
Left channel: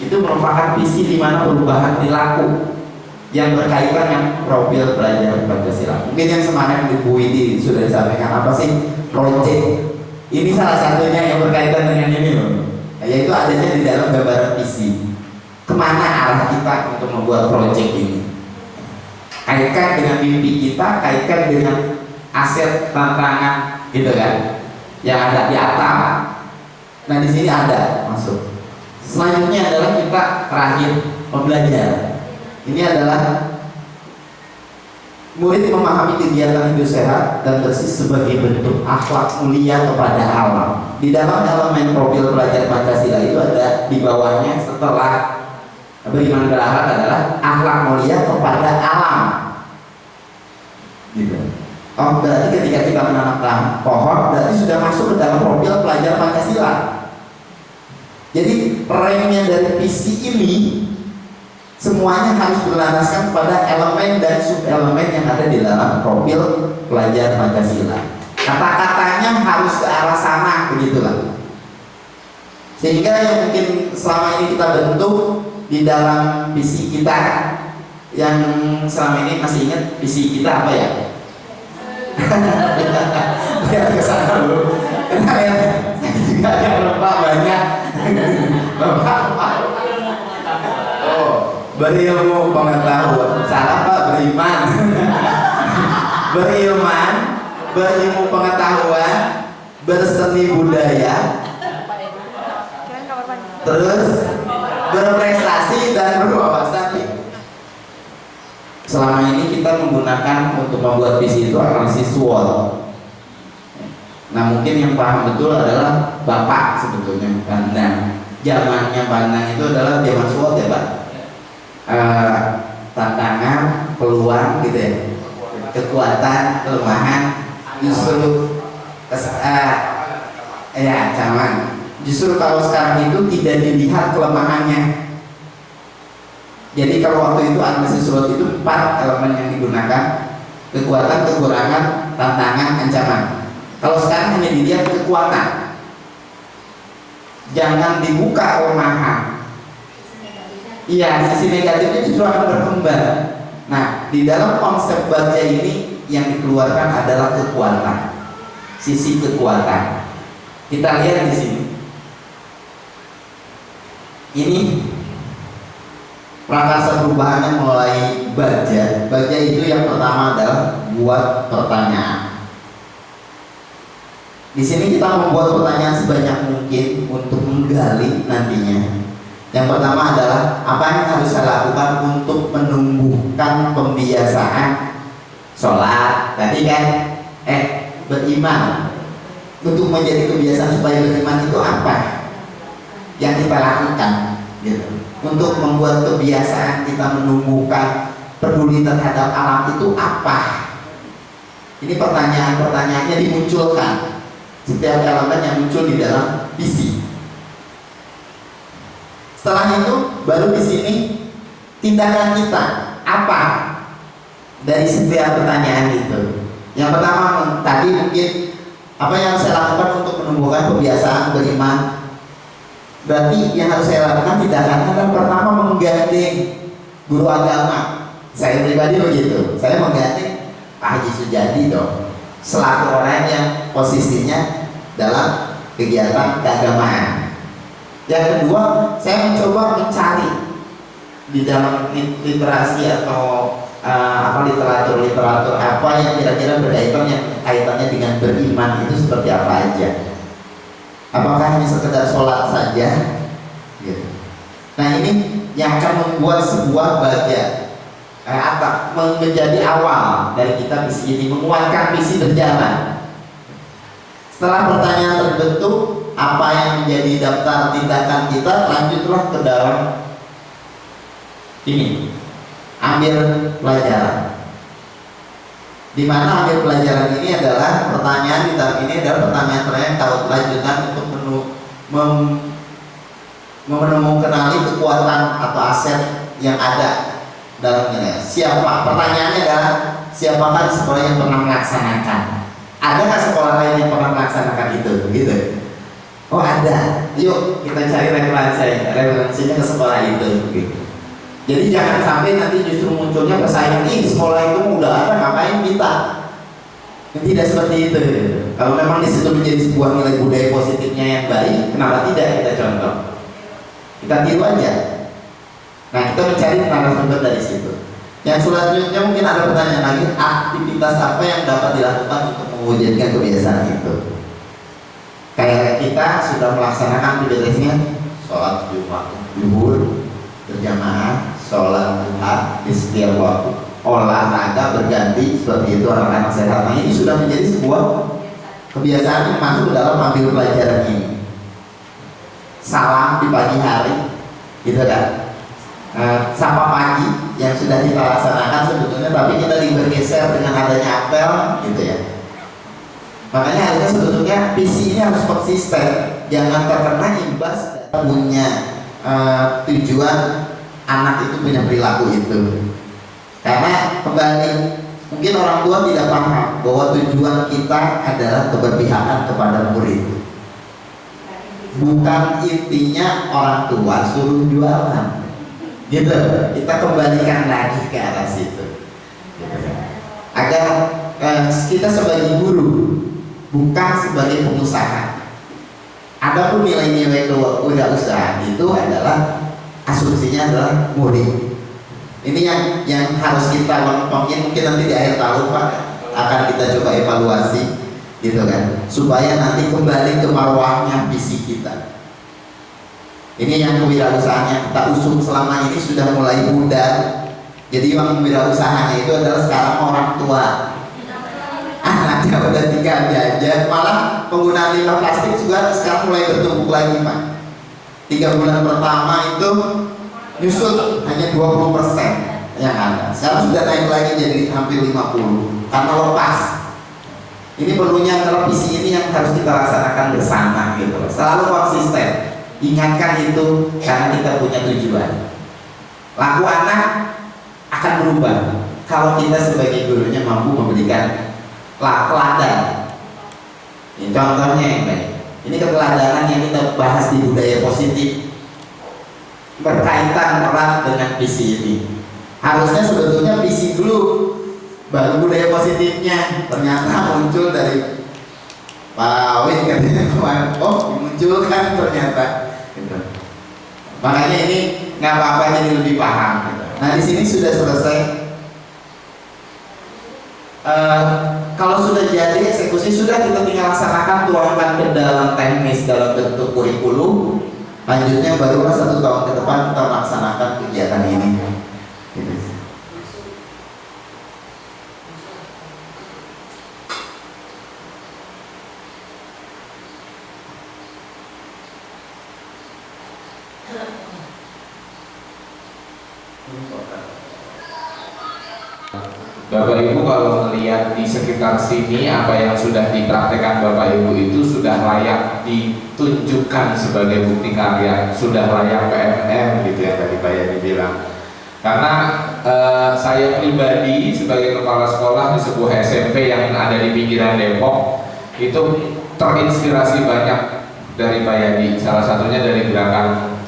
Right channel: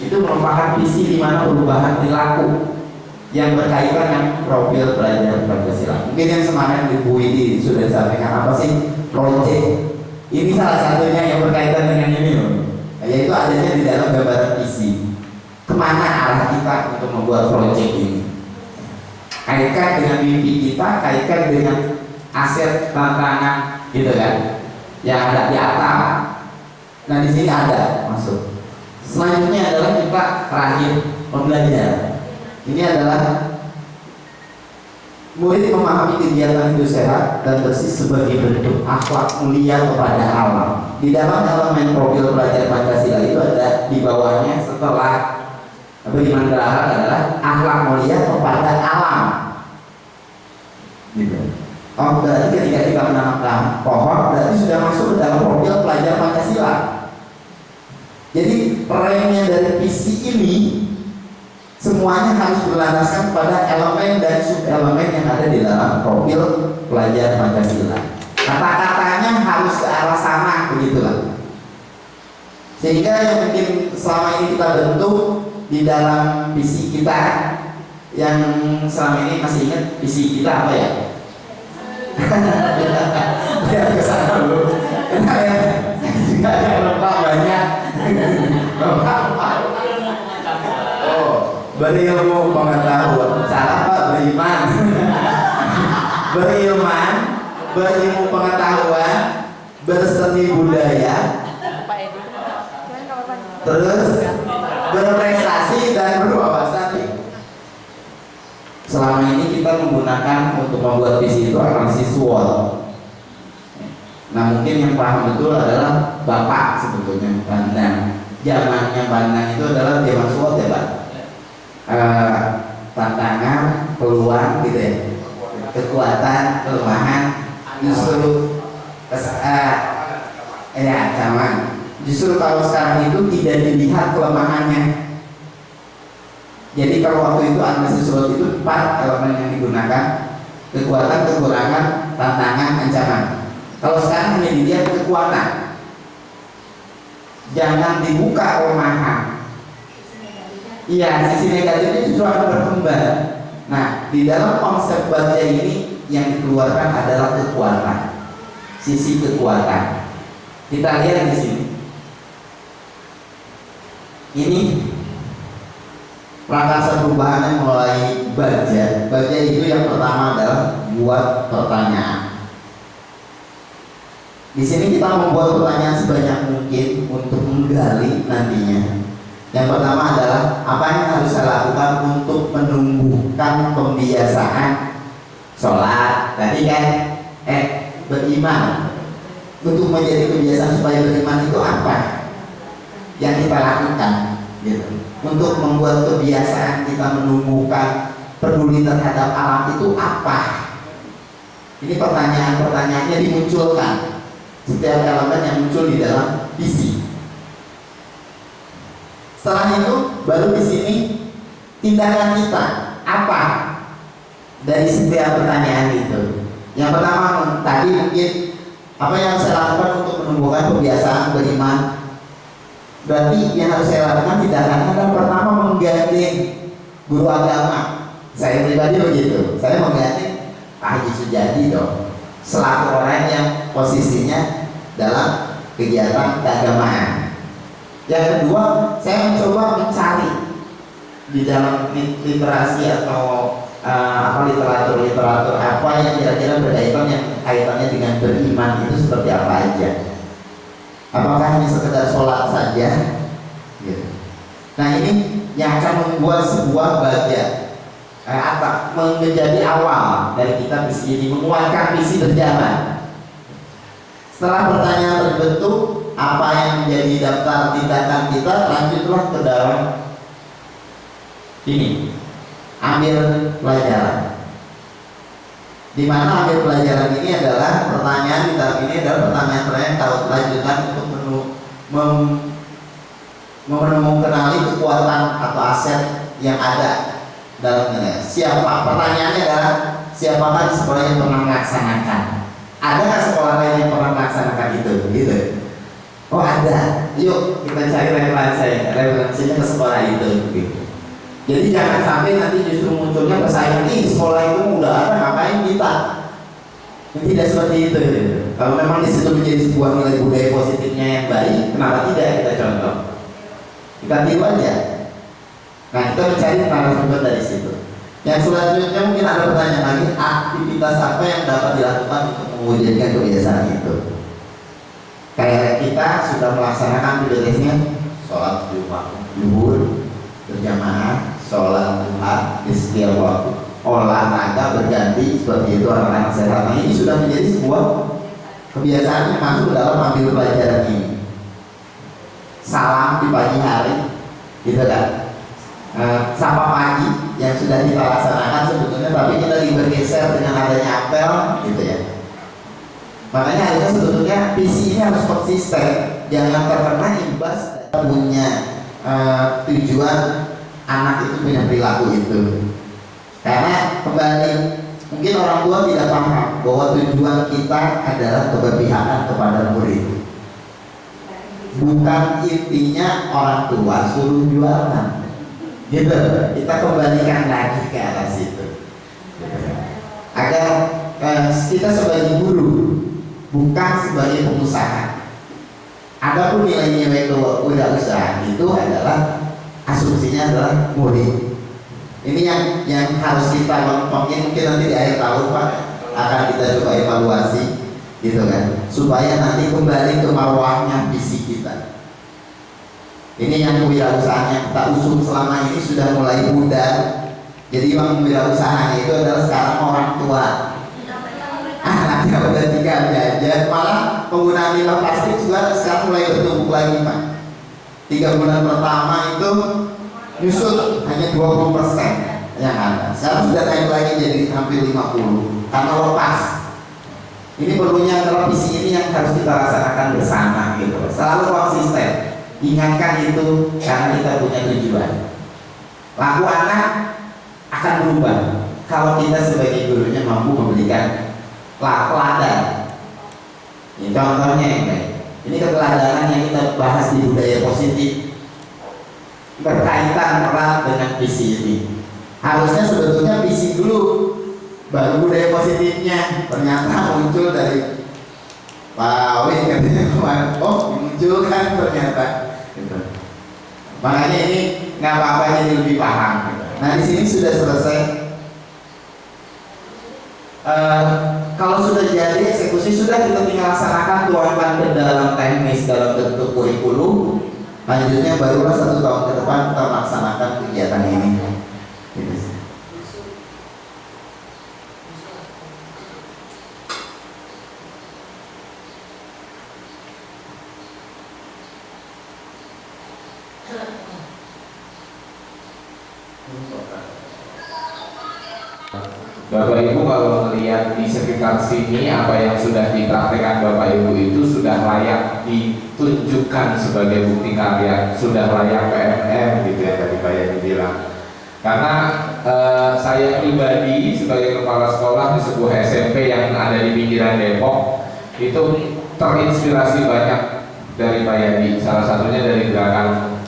Itu merupakan visi di mana perubahan dilaku yang berkaitan dengan profil belajar Pancasila. Mungkin yang kemarin di Bu Widi sudah disampaikan apa sih project. Ini salah satunya yang berkaitan dengan ini loh, yaitu adanya di dalam gambaran visi. Kemana arah kita untuk membuat project ini? Kaitkan dengan mimpi kita, kaitkan dengan aset tantangan, gitu kan? Yang ada di atas. Nah di sini ada masuk. Selanjutnya adalah kita terakhir pembelajaran. Ini adalah murid memahami kegiatan hidup sehat dan bersih sebagai bentuk akhlak mulia kepada alam. Di dalam elemen profil pelajar Pancasila itu ada di bawahnya setelah beriman berakhlak adalah akhlak mulia kepada alam. Gitu. Oh, berarti ketika kita menanam pohon berarti sudah masuk ke dalam profil pelajar Pancasila. Jadi perannya dari visi ini semuanya harus berlandaskan pada elemen dan subelemen yang ada di dalam profil pelajar Pancasila. Kata-katanya harus ke arah sana, begitulah. Sehingga yang mungkin selama ini kita bentuk di dalam visi kita, yang selama ini masih ingat visi kita apa ya? Lihat ke sana dulu. Kenapa ya? Saya juga yang lupa banyak. Oh, berilmu pengetahuan. Salah Pak, beriman. Berilman, berilmu pengetahuan, berseni budaya, terus berprestasi dan berwawasan. Selama ini kita menggunakan untuk membuat visi itu analisis SWOT. Nah mungkin yang paham betul adalah Bapak sebetulnya Bandang. Zamannya Bandang itu adalah zaman SWOT ya Pak. Tantangan, peluang gitu ya, kekuatan, kelemahan, justru ancaman. Justru kalau sekarang itu tidak dilihat kelemahannya. Jadi kalau waktu itu analisis SWOT itu 4 elemen yang digunakan: kekuatan, kekurangan, tantangan, ancaman. Kalau sekarang hanya dilihat kekuatan, jangan dibuka kelemahan. Iya, sisi negatifnya justru akan berkembang. Nah, di dalam konsep baja ini yang dikeluarkan adalah kekuatan, sisi kekuatan. Kita lihat di sini. Ini prakarsa perubahannya mulai baja. Baja itu yang pertama adalah buat pertanyaan. Di sini kita membuat pertanyaan sebanyak mungkin untuk menggali nantinya. Yang pertama adalah apa yang harus saya lakukan untuk menumbuhkan pembiasaan sholat. Tadi kan beriman. Untuk menjadi kebiasaan supaya beriman itu apa yang kita lakukan? Gitu. Untuk membuat kebiasaan kita menumbuhkan peduli terhadap alam itu apa? Ini pertanyaan-pertanyaannya dimunculkan. Setiap elemen yang muncul di dalam visi. Setelah itu baru di sini tindakan kita apa dari setiap pertanyaan itu. Yang pertama tadi mungkin apa yang saya lakukan untuk menumbuhkan kebiasaan beriman. Berarti yang harus saya lakukan tindakannya adalah pertama menggandeng guru agama. Saya pribadi begitu. Saya menggandeng Pak Haji Sujadi dong, selaku orang yang posisinya dalam kegiatan keagamaan. Yang kedua, saya mencoba mencari di dalam literasi atau literatur apa yang kira-kira kaitannya dengan beriman itu seperti apa aja. Apakah hanya sekedar sholat saja? Gitu. Nah ini yang akan membuat sebuah bagian menjadi awal dari kita visi ini, menguatkan visi berjalan. Setelah pertanyaan terbentuk, apa yang menjadi daftar tindakan kita, lanjutlah ke dalam ini, ambil pelajaran. Di mana ambil pelajaran ini adalah pertanyaan di tahap ini adalah pertanyaan kalau lanjutan untuk mengenali kekuatan atau aset yang ada dalam nilai. Siapa? Pertanyaannya adalah siapakah di sekolah yang pernah melaksanakan? Ada nggak sekolah lain yang pernah melaksanakan itu? Gitu. Oh ada. Yuk kita cari referensinya ke sekolah itu. Gitu. Jadi jangan sampai nanti justru munculnya persaingan, sekolah itu udah ada, ngapain kita? Tidak seperti itu. Kalau memang di situ menjadi sebuah nilai budaya positifnya yang baik, kenapa tidak kita contoh? Kita tiru aja. Nah kita mencari narasumber dari situ. Yang selanjutnya mungkin ada pertanyaan lagi, aktivitas apa yang dapat dilakukan untuk mewujudkan kebiasaan itu? Kayak kita sudah melaksanakan aktivitasnya sholat Jumat, zuhur berjamaah, sholat duha di setiap waktu, olahraga berganti seperti itu anak-anak sehat. Nah ini sudah menjadi sebuah kebiasaan yang masuk dalam ambil pelajaran ini. Salam di pagi hari, gitu kan? Sapa pagi yang sudah kita laksanakan sebetulnya, tapi kita bergeser dengan adanya apel, gitu ya. Makanya harusnya sebetulnya visi ini harus konsisten, jangan terkena imbas punya tujuan anak itu punya perilaku itu. Karena kembali mungkin orang tua tidak paham bahwa tujuan kita adalah keberpihakan kepada murid. Bukan intinya orang tua suruh jualan, gitu. Kita kembalikan lagi ke arah situ, agar kita sebagai guru bukan sebagai pengusaha. Adapun nilai-nilai kewirausahaan itu adalah asumsinya adalah murid. Ini yang harus kita mungkin nanti di akhir tahun Pak akan kita coba evaluasi, gitu kan, supaya nanti kembali ke marwahnya visi kita. Ini yang kewirausahaan yang kita usung selama ini sudah mulai pudar. Jadi yang kewirausahaan itu adalah sekarang orang tua. Anaknya udah tinggal jajan, malah penggunaan limbah plastik juga sekarang mulai bertumpuk lagi Pak. 3 bulan pertama itu nyusut hanya 20% yang ada. Sekarang sudah naik lagi jadi hampir 50 karena lepas. Ini perlunya adalah visi ini yang harus kita laksanakan bersama, gitu. Selalu konsisten. Ingatkan itu karena kita punya tujuan. Laku anak akan berubah kalau kita sebagai gurunya mampu memberikan teladan. Ini contohnya yang baik. Ini keteladanan yang kita bahas di budaya positif berkaitan erat dengan visi ini. Harusnya sebetulnya visi dulu, baru budaya positifnya. Ternyata muncul dari Pak Win katanya kemarin. Oh, dimunculkan ternyata. Gitu. Makanya ini nggak apa-apa jadi lebih paham. Gitu. Nah di sini sudah selesai. Kalau sudah jadi eksekusi, sudah kita tinggal laksanakan, tuangkan ke dalam teknis dalam bentuk kurikulum. Lanjutnya barulah 1 tahun ke depan kita melaksanakan kegiatan ini. Gitu. Bapak Ibu kalau melihat di sekitar sini apa yang sudah dipraktekkan Bapak Ibu itu sudah layak ditunjukkan sebagai bukti karya, sudah layak PMM gitu ya tadi Pak Yani bilang. Karena saya pribadi sebagai kepala sekolah di sebuah SMP yang ada di pinggiran Depok itu terinspirasi banyak dari Pak Yadi, salah satunya dari gerakan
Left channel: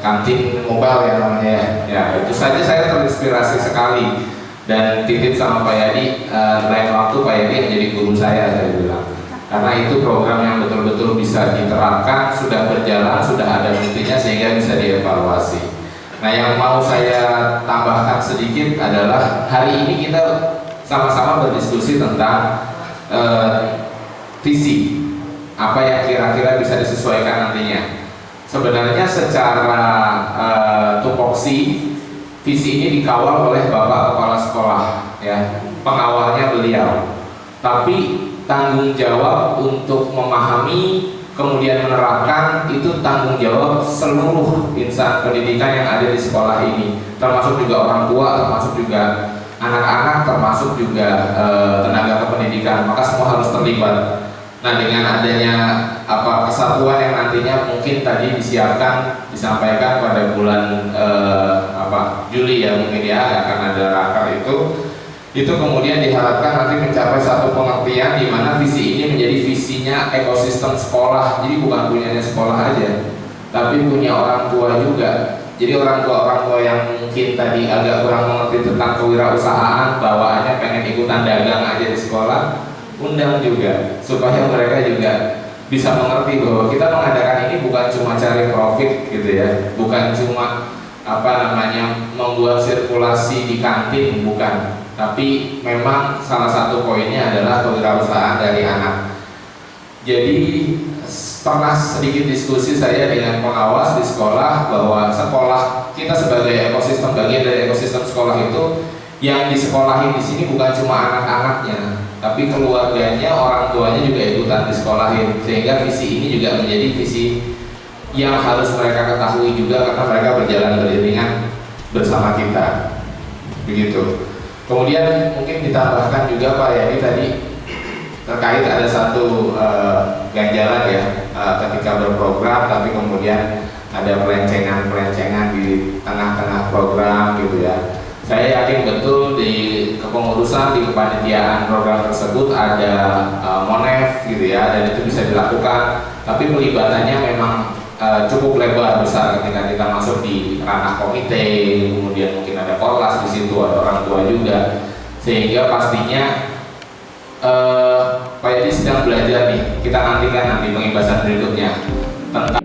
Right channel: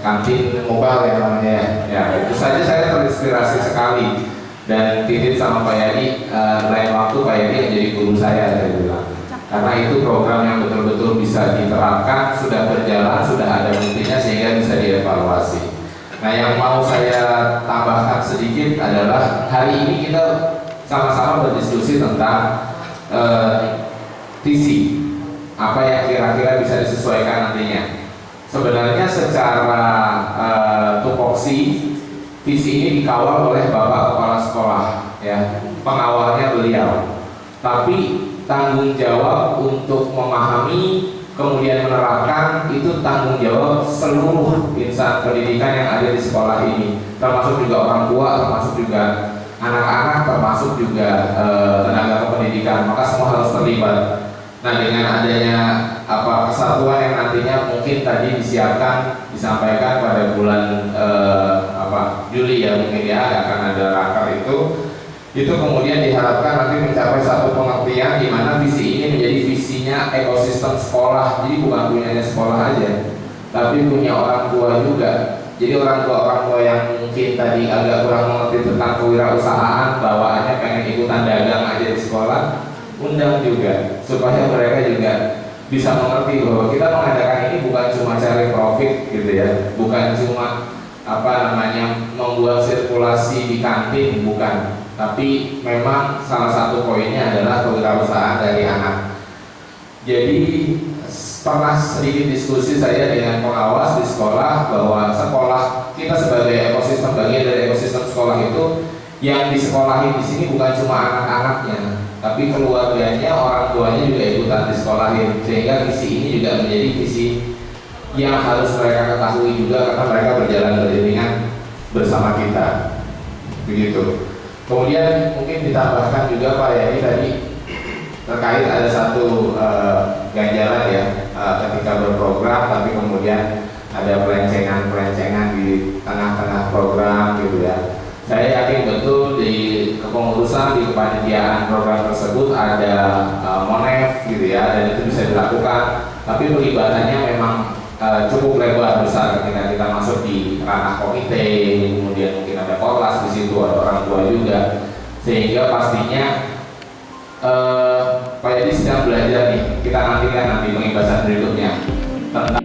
kantin mobile ya namanya ya. Itu saja saya terinspirasi sekali dan titip sama Pak Yadi, lain waktu Pak Yadi menjadi guru saya bilang, karena itu program yang betul-betul bisa diterapkan, sudah berjalan, sudah ada buktinya sehingga bisa dievaluasi. Nah, yang mau saya tambahkan sedikit adalah hari ini kita sama-sama berdiskusi tentang visi apa yang kira-kira bisa disesuaikan nantinya. Sebenarnya secara tupoksi visi ini dikawal oleh Bapak Kepala Sekolah, ya, pengawalnya beliau. Tapi tanggung jawab untuk memahami kemudian menerapkan itu tanggung jawab seluruh insan pendidikan yang ada di sekolah ini, termasuk juga orang tua, termasuk juga anak-anak, termasuk juga tenaga kependidikan. Maka semua harus terlibat. Nah, dengan adanya kesatuan yang nantinya mungkin tadi disampaikan pada bulan Juli ya mungkin ya akan ada raker itu kemudian diharapkan nanti mencapai satu pengertian di mana visi ini menjadi visinya ekosistem sekolah. Jadi bukan punyanya sekolah aja, tapi punya orang tua juga. Jadi orang tua yang mungkin tadi agak kurang mengerti tentang kewirausahaan, bawaannya pengen ikutan dagang aja di sekolah, undang juga supaya mereka juga bisa mengerti bahwa kita mengadakan ini bukan cuma cari profit gitu ya, bukan cuma membuat sirkulasi di kantin, bukan, tapi memang salah satu poinnya adalah kewirausahaan dari anak. Jadi pernah sedikit diskusi saya dengan pengawas di sekolah bahwa sekolah kita sebagai ekosistem, bagian dari ekosistem sekolah itu yang disekolahin di sini bukan cuma anak-anaknya, tapi keluarganya, orang tuanya juga ikutan disekolahin, sehingga visi ini juga menjadi visi yang harus mereka ketahui juga karena mereka berjalan beriringan bersama kita, begitu. Kemudian mungkin ditambahkan juga Pak Yani tadi terkait ada satu ganjalan ya ketika berprogram, tapi kemudian ada pelencengan di tengah-tengah program gitu ya. Saya yakin betul di kepengurusan, di kepanitiaan program tersebut ada Monef gitu ya, dan itu bisa dilakukan. Tapi pelibatannya memang cukup lebar besar ketika kita masuk di ranah komite, kemudian mungkin ada korlas di situ, ada orang tua juga, sehingga pastinya Pak Yadi sedang belajar nih. Kita nantikan nanti pengibasan berikutnya tentang